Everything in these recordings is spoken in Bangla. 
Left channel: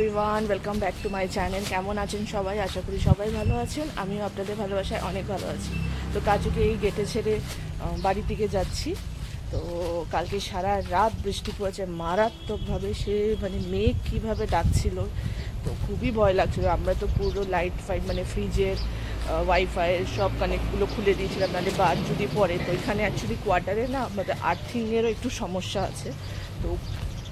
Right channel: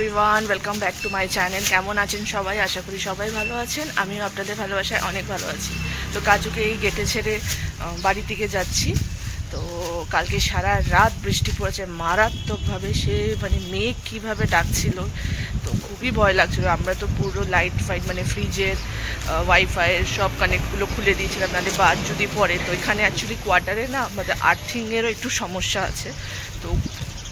Everyone, welcome back to my channel. কেমন আছেন সবাই? আশা করি সবাই ভালো আছেন। আমিও আপনাদের ভালোবাসায় অনেক ভালো আছি। তো কাজুকে এই গেটে ছেড়ে বাড়ির দিকে যাচ্ছি। তো কালকে সারা রাত বৃষ্টি পড়েছে মারাত্মকভাবে। সে মানে মেঘ কীভাবে ডাকছিল, তো খুবই ভয় লাগছিল। আমরা তো পুরো লাইট ফাইট মানে ফ্রিজের ওয়াইফাইয়ের সব কানেক্টগুলো খুলে দিয়েছিলাম, নাহলে বাদ যদি পড়ে। তো এখানে অ্যাকচুয়ালি কোয়ার্টারে না আমাদের আর্থিংয়েরও একটু সমস্যা আছে, তো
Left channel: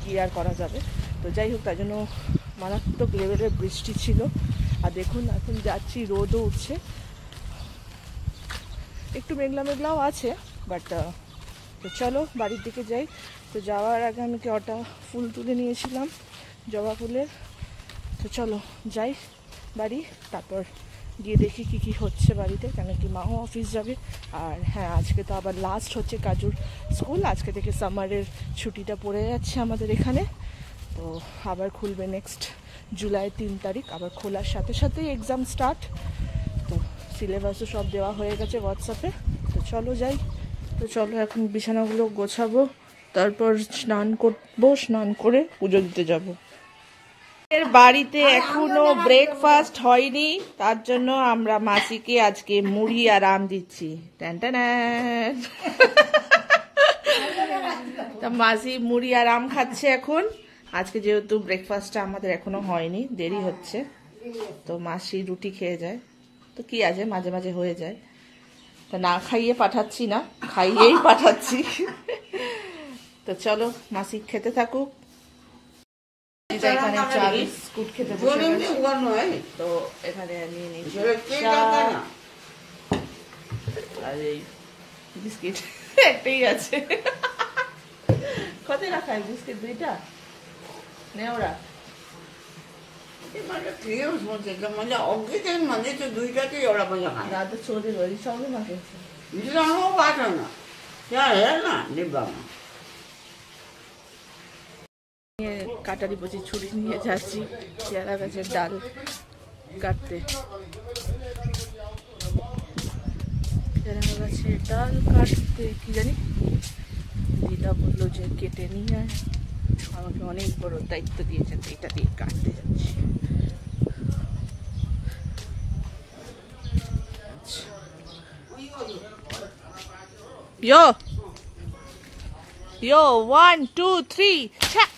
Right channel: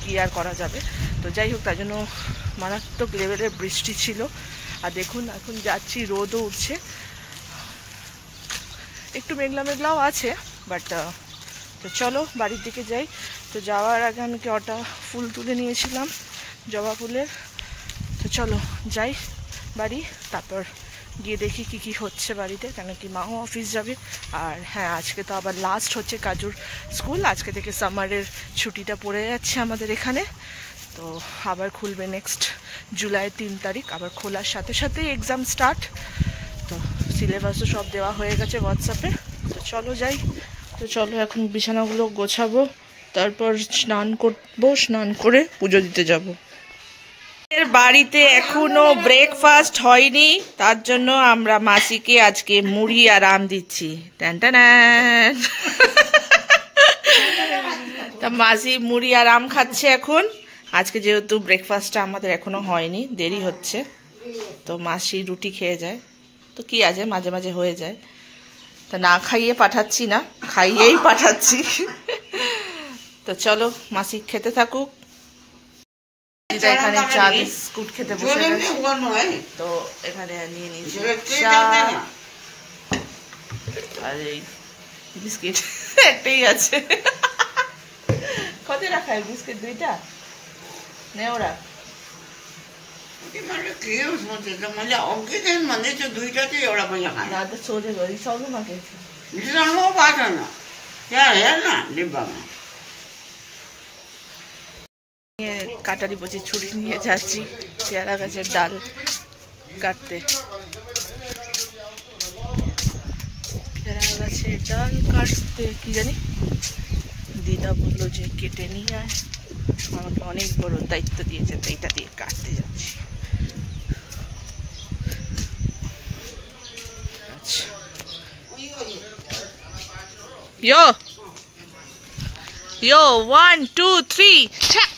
কী আর করা যাবে। তো যাই হোক, তার জন্য মারাত্মক লেভেলের বৃষ্টি ছিল। আর দেখুন এখন যাচ্ছি, রোদও উঠছে, একটু মেঘলা মেঘলাও আছে, বাট তো চলো বাড়ির দিকে যাই। তো যাওয়ার আগে আমি কটা ফুল তুলে নিয়েছিলাম, জবা ফুলের। তো চলো যাই বাড়ি, তারপর গিয়ে দেখি কি কি হচ্ছে বাড়িতে, কেন কি মাও অফিস যাবে। আর হ্যাঁ, আজকে তো আবার লাস্ট হচ্ছে কাজুর স্কুল। আজকে থেকে সামারের ছুটিটা পড়ে যাচ্ছে আমাদের এখানে। তো আবার খুলবে নেক্সট জুলাই 3 তারিখ, আবার খোলার সাথে সাথেই এক্সাম স্টার্ট। তো সিলেবাসও সব দেওয়া হয়ে গেছে হোয়াটসঅ্যাপে। তো চলো যাই। তো চলো এখন বিছানাগুলো গোছাবো, তারপর স্নান করবো, স্নান করে পুজো দিতে যাবো। এর বাড়িতে এখনো ব্রেকফাস্ট হয়নি, তার জন্য আমরা মাসিকে আজকে মুড়ি আর আম দিচ্ছি। তা মাসি মুড়ি আর আম খাচ্ছে এখন। আজকে যেহেতু ব্রেকফাস্টটা আমাদের এখনো হয়নি, দেরি হচ্ছে, তো মাসি রুটি খেয়ে যায়। তো কি আছে, মাঝে মাঝে হয়ে যায়। তা না খাইয়ে পাঠাচ্ছি না, খাইয়েই পাঠাচ্ছি। তো চলো মাসি খেতে থাকুক। এখানে চা বিস্কুট খেতে বসে গেছে, তো এখানে নিয়ে নিয়েছি চা আর এই বিস্কিট। একটাই আছে, কত রাখায় বিস্কিট? 2টা নে ওরা। কাটারি বসে ছুরি নিয়ে যাচ্ছি পেয়ারা গাছের ডাল কাটতে। পেয়ারা গাছের ডাল কাটতে কি জানি দিদা বললো যে কেটে নিয়ে আয়, আমাকে অনেক বড় দায়িত্ব দিয়েছে, তো এটা দিয়ে কাটতে যাচ্ছি। Yo, yo, 1, 2, 3, check.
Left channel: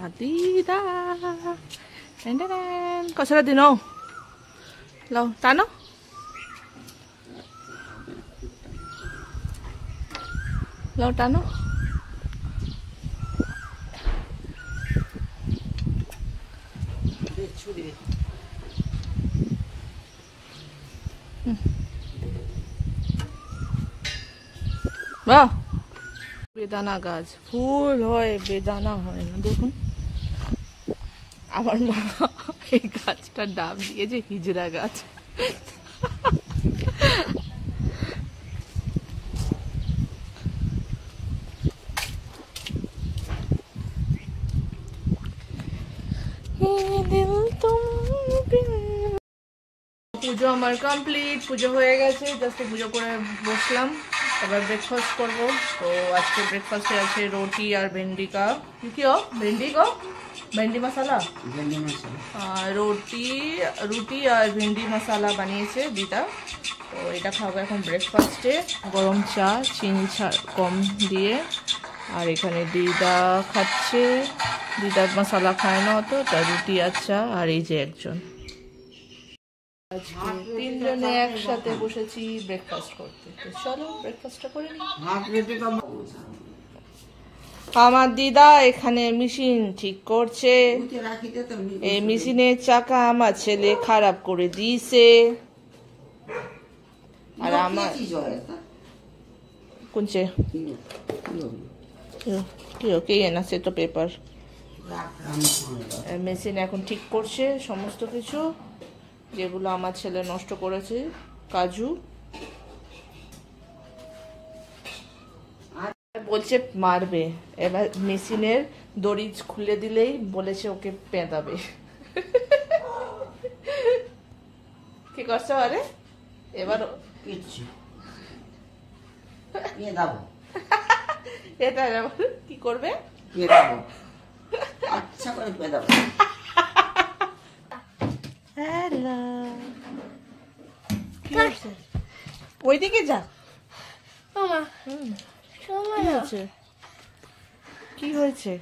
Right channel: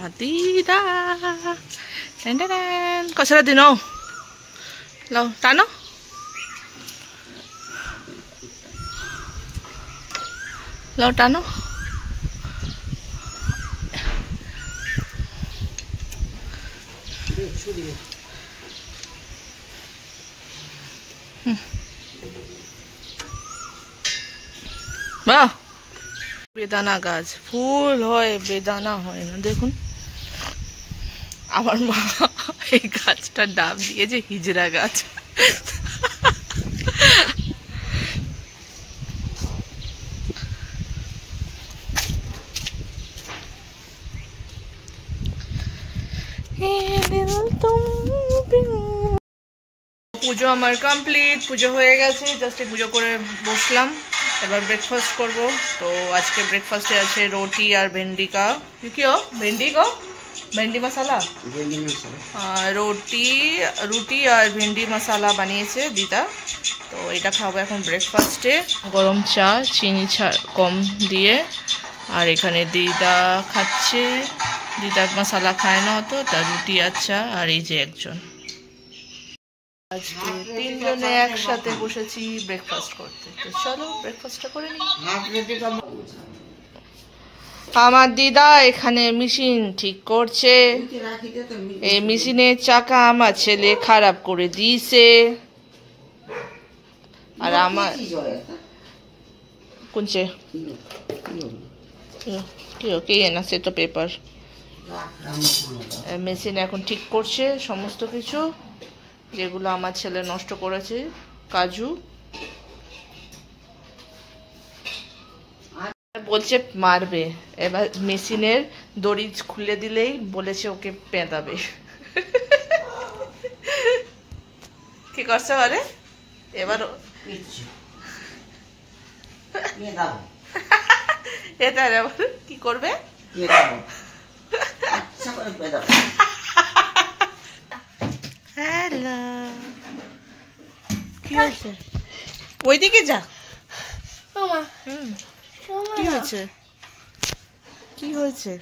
Matida. Cosa di no? Lo, tano? Lo, tano? বাহ, বেদানা গাছ, ফুল হয় বেদানা হয় না। দেখুন আমার মা এই গাছটার নাম দিয়েছে হিজড়া গাছ। পুজো আমার কমপ্লিট, পুজো হয়ে গেছে, জাস্ট পুজো করে বসলাম। এবার ব্রেকফাস্ট করব। তো আজকে ব্রেকফাস্টে আছে রুটি আর ভেন্ডি কা কি हो ভেন্ডি को ভেন্ডি মশলা, রুটি আর ভেন্ডি মশলা বানিয়েছে দিদা। তো এটা খাবো এখন ব্রেকফাস্টে, গরম চা চিনি কম দিয়ে। আর এখানে দিদা খাচ্ছে, দিদা মশলা খায় না অত, তার রুটি আর চা। আর এই যে একজন, আজকে 3 জনে একসাথে বসেছি ব্রেকফাস্ট করতে। তো চলো ব্রেকফাস্টটা করে নিই। আমার দিদা এখানে মেশিন ঠিক করছে। এই মেশিনের চাকা আমার ছেলে খারাপ করে দিয়েছে। আর আমার কোনছে কি না সে তো পেপার। মেশিন এখন ঠিক করছে সমস্ত কিছু যেগুলো আমার ছেলে নষ্ট করেছে। কাজু বলছে মারবে, এবার মেশিনের দড়ি খুলে দিলেই বলেছে ওকে পেঁদাবে। কি করছে বলে এবার এটা কি করবে? হ্যালো, কি হয়েছে? ওইদিকে যা। কি হয়েছে? কি হয়েছে?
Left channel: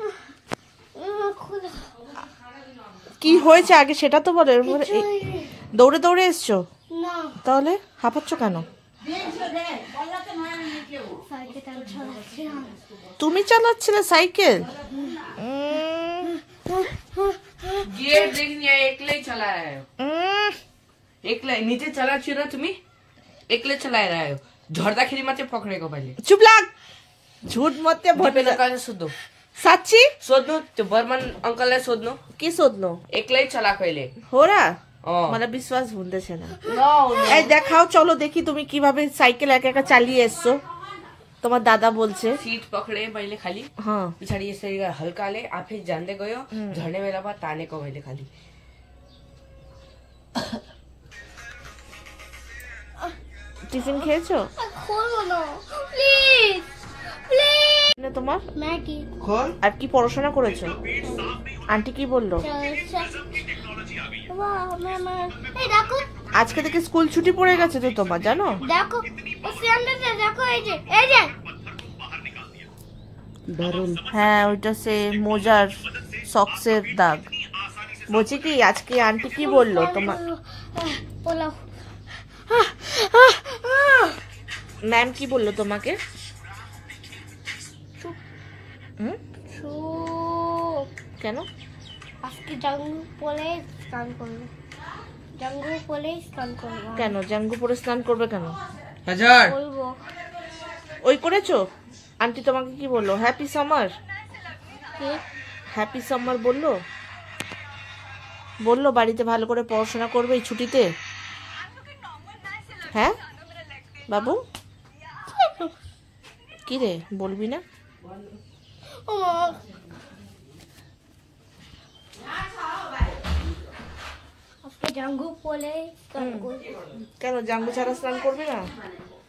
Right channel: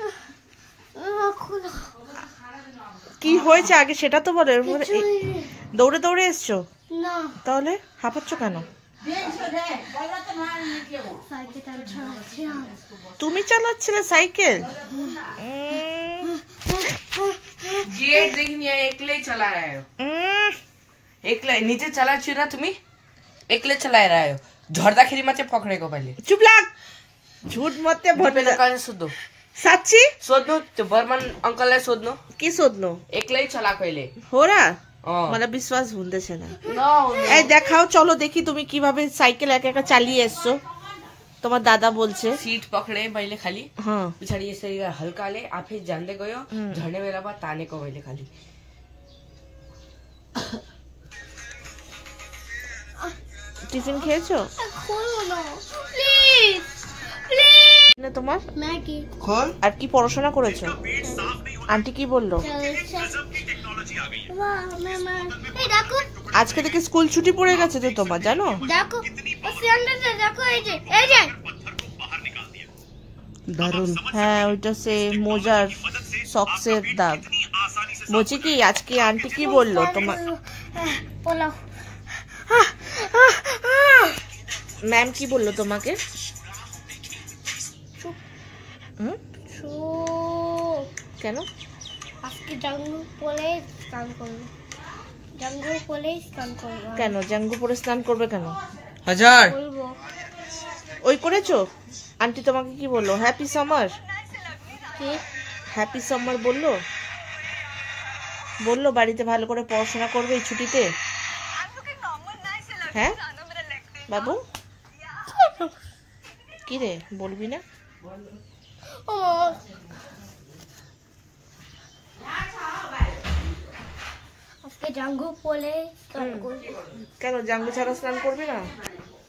কি হয়েছে আগে সেটা তো বলে। দৌড়ে দৌড়ে এসছো? তাহলে হাঁপাচ্ছ কেন? তুমি চালাচ্ছিলে সাইকেল? एकले चलाया है, एकले नीचे चला ना तुम्ही एकले चलाय रहा है। झोरदाखिरी मत पकड़े को पहले। चुप लाग, झूठ मत बोल। शोधो साची शोधनो तो बर्मन अंकल है शोधनो की शोधनो एकले चला पहले हो रहा मला विश्वास হচ্ছে না। এই দেখাও, চলো দেখি তুমি কিভাবে সাইকেল একা একা চালিয়ে এসছো। তোমার দাদা বলছে सीट पकड़े पहले खाली, हाँ पिछाड़ी ऐसे हल्का ले आप फिर जान दे गयो झड़ने वाला बात ताने को पहले खाली। টিফিন খেয়েছো? না তোমার ম্যাগি। আর কি পড়াশোনা করেছো? আন্টি কি বললো? আজকে থেকে স্কুল ছুটি পড়ে গেছে তো তোমার, জানো? দেখো দেখো এই যে এই যে হ্যাঁ ওইটা সে মোজার সক্সের দাগ। বলছি কি আজকে আন্টি কি বললো তোমার? ম্যাম কি বললো তোমাকে? কেন? আজকে জাঙ্গু পরে স্নান করবো। জাঙ্গু পরে স্নান করবো। কেন জাঙ্গু পরে স্নান করবে কেন? हजार বলবো। ওই করেছো? আন্টি তোমাকে কি বললো? হ্যাপি সামার, কি হ্যাপি সামার বললো? বললো বাড়িতে ভালো করে পড়াশোনা করবে এই ছুটিতে? হ্যাঁ বাবু কি রে বলবি না? ও আজকে জাঙ্গু পরে স্নান করবো। কেন জাঙ্গু ছাড়া স্নান করবি না?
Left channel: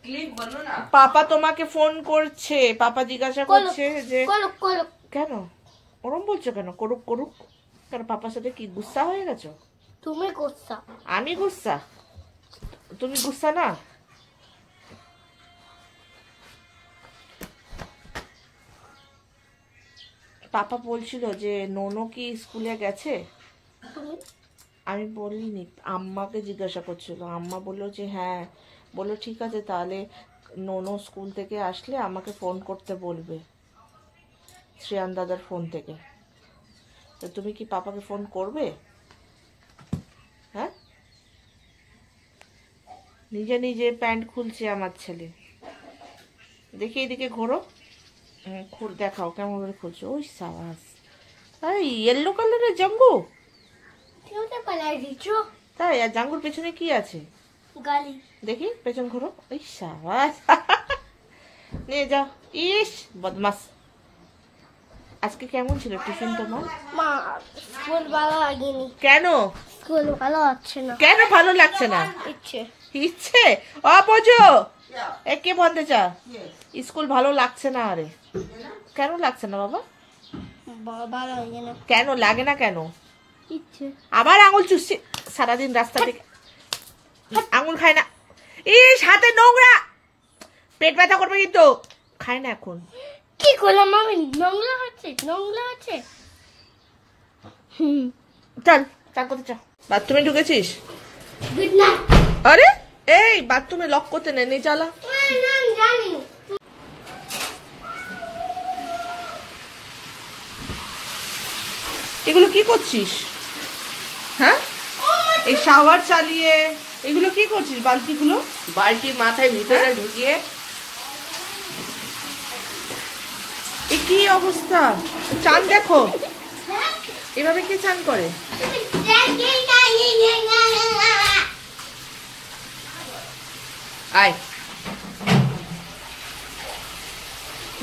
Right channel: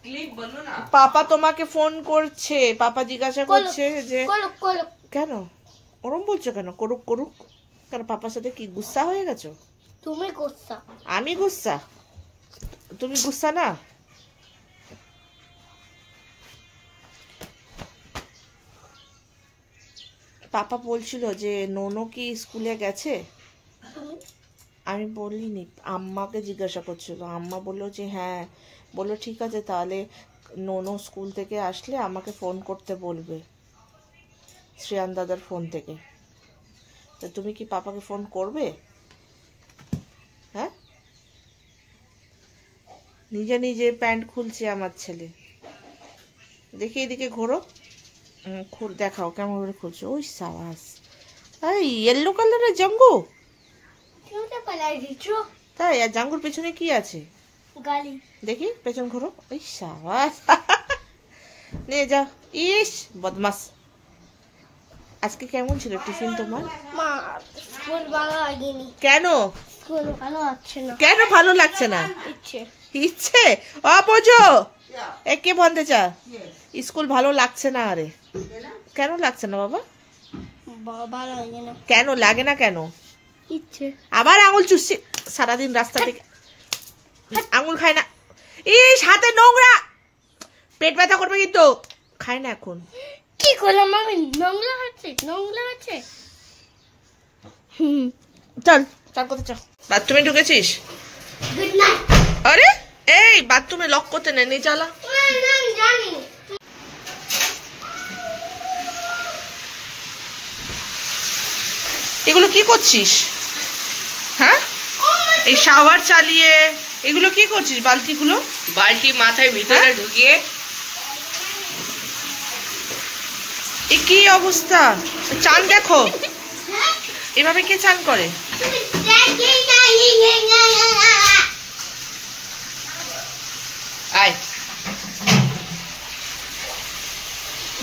क्लिप बनो ना। পাপা তোমাকে ফোন করছে, পাপা জিজ্ঞাসা করছে যে করুক করুক। কেন ওরম বলছো কেন? করুক করুক কেন? পাপার সাথে কি গুসা হয়ে গেছো? তুমি গুসা। আমি গুসা? তুমি গুসা না? পাপা বলছিল যে নোনো কি স্কুলে গেছে? আমি বলিনি, আম্মাকে জিজ্ঞাসা করছিল। আম্মা বললো যে হ্যাঁ। বললো ঠিক আছে তাহলে নোনো স্কুল থেকে আসলে আমাকে ফোন করতে বলবে শ্রেয়ান দাদার ফোন থেকে। তো তুমি কি পাপাকে ফোন করবে? হ্যাঁ নিজে নিজে প্যান্ট খুলছে আমার ছেলে। দেখি এদিকে ঘোরো, খুল দেখাও কেমন করে খুলছো। ওই সাবাস, এই ইয়েলো কালারের জাঙ্গু। তাই আর জাঙ্গুর পেছনে কি আছে? গালি। দেখি পেছন ঘোরো। ওই সাবাস, নিয়ে যা। ইস বদমাস। আজকে কেমন ছিল টিফিন তোমার? মা স্কুল ভালো লাগেনি। কেন? স্কুল ভালো লাগছে না। কেন ভালো লাগছে না? ইচ্ছে ইচ্ছে বোঝো একে বলতে চা স্কুল ভালো লাগছে না। আরে কেন লাগছে না বাবা? ভালো লাগে না। কেন লাগে না কেন? ইচ্ছে। আবার আঙুল চুষছি সারাদিন রাস্তা থেকে। আঙুল খায় না। ইস হাতে নোংরা, পেট ব্যথা করবে কিন্তু। খায় না এখন। কি করলাম আমি? নোংরা হচ্ছে নোংরা হচ্ছে। চল চান করতে চল। বাথরুমে ঢুকেছিস? Good night. আরে এই বাথরুমে লক করতে নেই, নিয়ে চালা। জানি এগুলো কি করছিস? হ্যাঁ, এই শাওয়ার চালিয়ে এগুলো কি করছিস? বালতিগুলো বালতি মাথায় ভিতরে ঢুকিয়ে এ কি অবস্থা? চান দেখো, এভাবে কে চান করে? আয়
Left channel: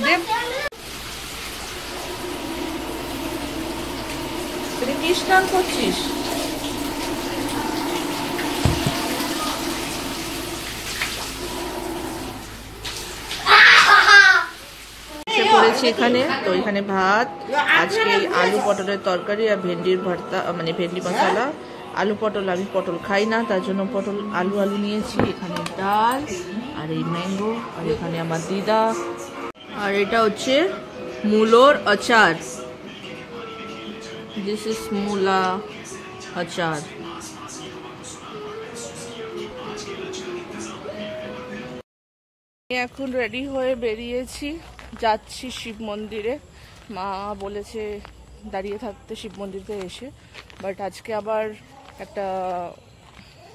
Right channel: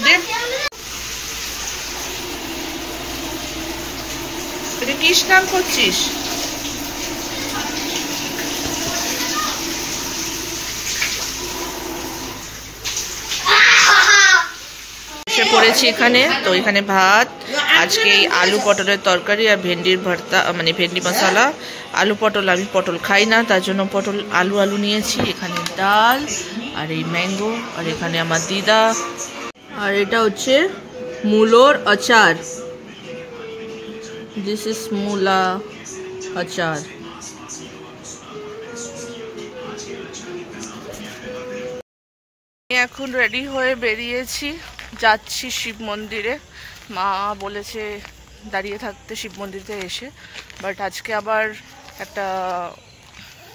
দেব, এটা কি স্নান করছিস? এসে পড়েছি এখানে। তো এখানে ভাত, আজকে এই আলু পটলের তরকারি আর ভেন্ডির ভর্তা, মানে ভেন্ডি মশলা। আলু পটল, আমি পটল খাই না, তার জন্য পটল আলু আলু নিয়েছি। এখানে ডাল আর এই ম্যাঙ্গো, আর এখানে আমার দিদা, আর এটা হচ্ছে মূলোর আচার। দিস ইজ মূলা আচার। এখন রেডি হয়ে বেরিয়েছি, যাচ্ছি শিব মন্দিরে। মা বলেছে দাঁড়িয়ে থাকতে শিব মন্দিরে এসে, বাট আজকে আবার একটা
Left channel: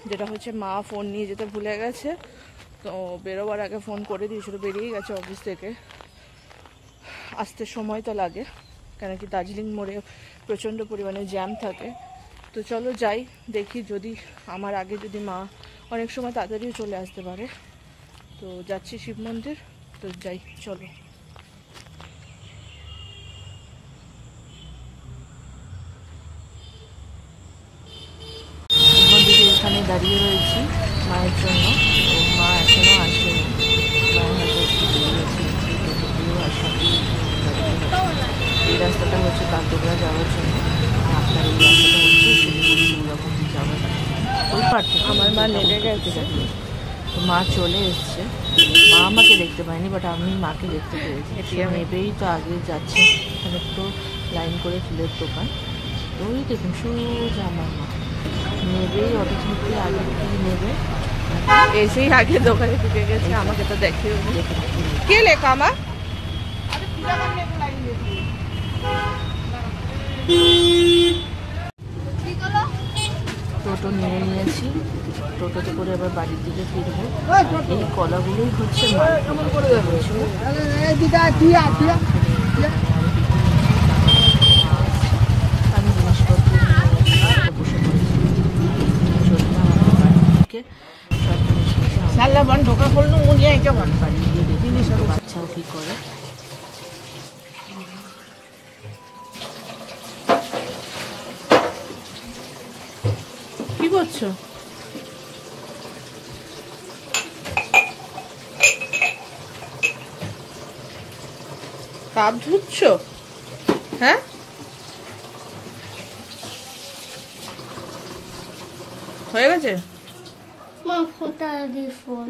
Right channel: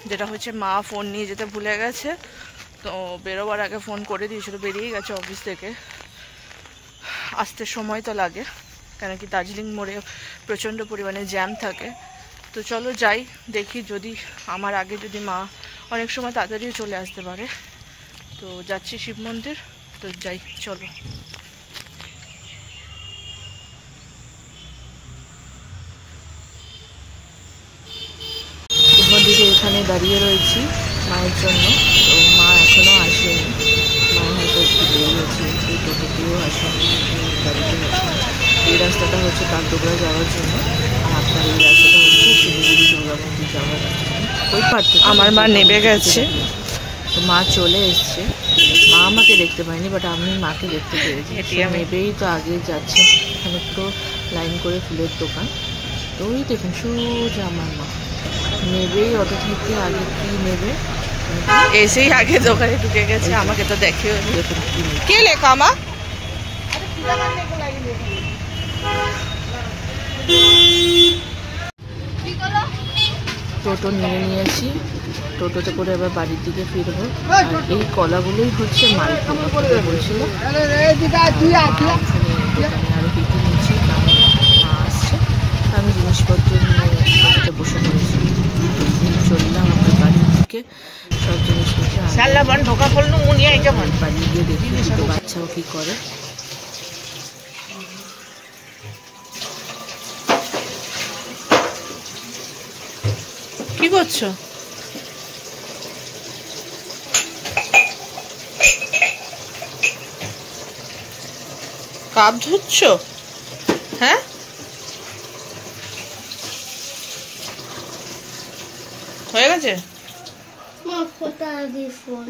যেটা হচ্ছে, মা ফোন নিয়ে যেতে ভুলে গেছে। তো বেরোবার আগে ফোন করে দিয়েছিল, বেরিয়ে গেছে অফিস থেকে। আসতে সময় তো লাগে, কেন কি দার্জিলিং মোড়ে প্রচণ্ড পরিমাণে জ্যাম থাকে। তো চলো যাই, দেখি যদি আমার আগে যদি মা অনেক সময় তাড়াতাড়িও চলে আসতে পারে। তো যাচ্ছি শিব মন্দির, তো যাই, চলো। শিব মন্দিরে এখানে দাঁড়িয়ে রয়েছি মায়ের জন্য। তো মা এখনো আসেনি, মা হয়তো একটু দেরি হচ্ছে, একটু টোটোতেও আসেনি, গাড়িতে হচ্ছে। এই রাস্তাটা হচ্ছে কাকডোগরা যাওয়ার জন্য, আর আপনার এই রাস্তাটা হচ্ছে শিলিগুড়ি দুর্গা মন্দির যাওয়ার রাস্তা। ওই পার থেকে আমার মা নেমে গেছে। তো মা চলে এসছে, মা আমাকে দেখতে পায়নি, বাট আমি মাকে দেখতে পেয়েছি। নেবেই তো আগে যাচ্ছে, এখানে তো লাইন করে ফুলের দোকান। তো ওই দেখুন সোজা আমার মা নেবেই অটো থেকে, আগে কি নেবে এসেই আগে দোকানে ঢুকে গেছে, আমাকে তো দেখেও কে লেখা মা। টোটো নিয়ে নিয়েছি, টোটোতে করে এবার বাড়ির দিকে ফিরবো। আর এই কলাগুলোই হচ্ছে মালপোয়া বলছিল। দোকানে আরো বিক্রি নিচ্ছি, মা আসছে, আমি জিনিসপত্র নিয়ে বাড়িতে বসে পড়েছি। চললাম আমার বাড়ির দিকে, সব জিনিসপত্র বাড়ি গিয়ে দেখি দুটো বাচ্চাও কি করে। কি করছো? কাপ ধুচ্ছ? হ্যাঁ, হয়ে গেছে। মা ফোটা দিস ফোন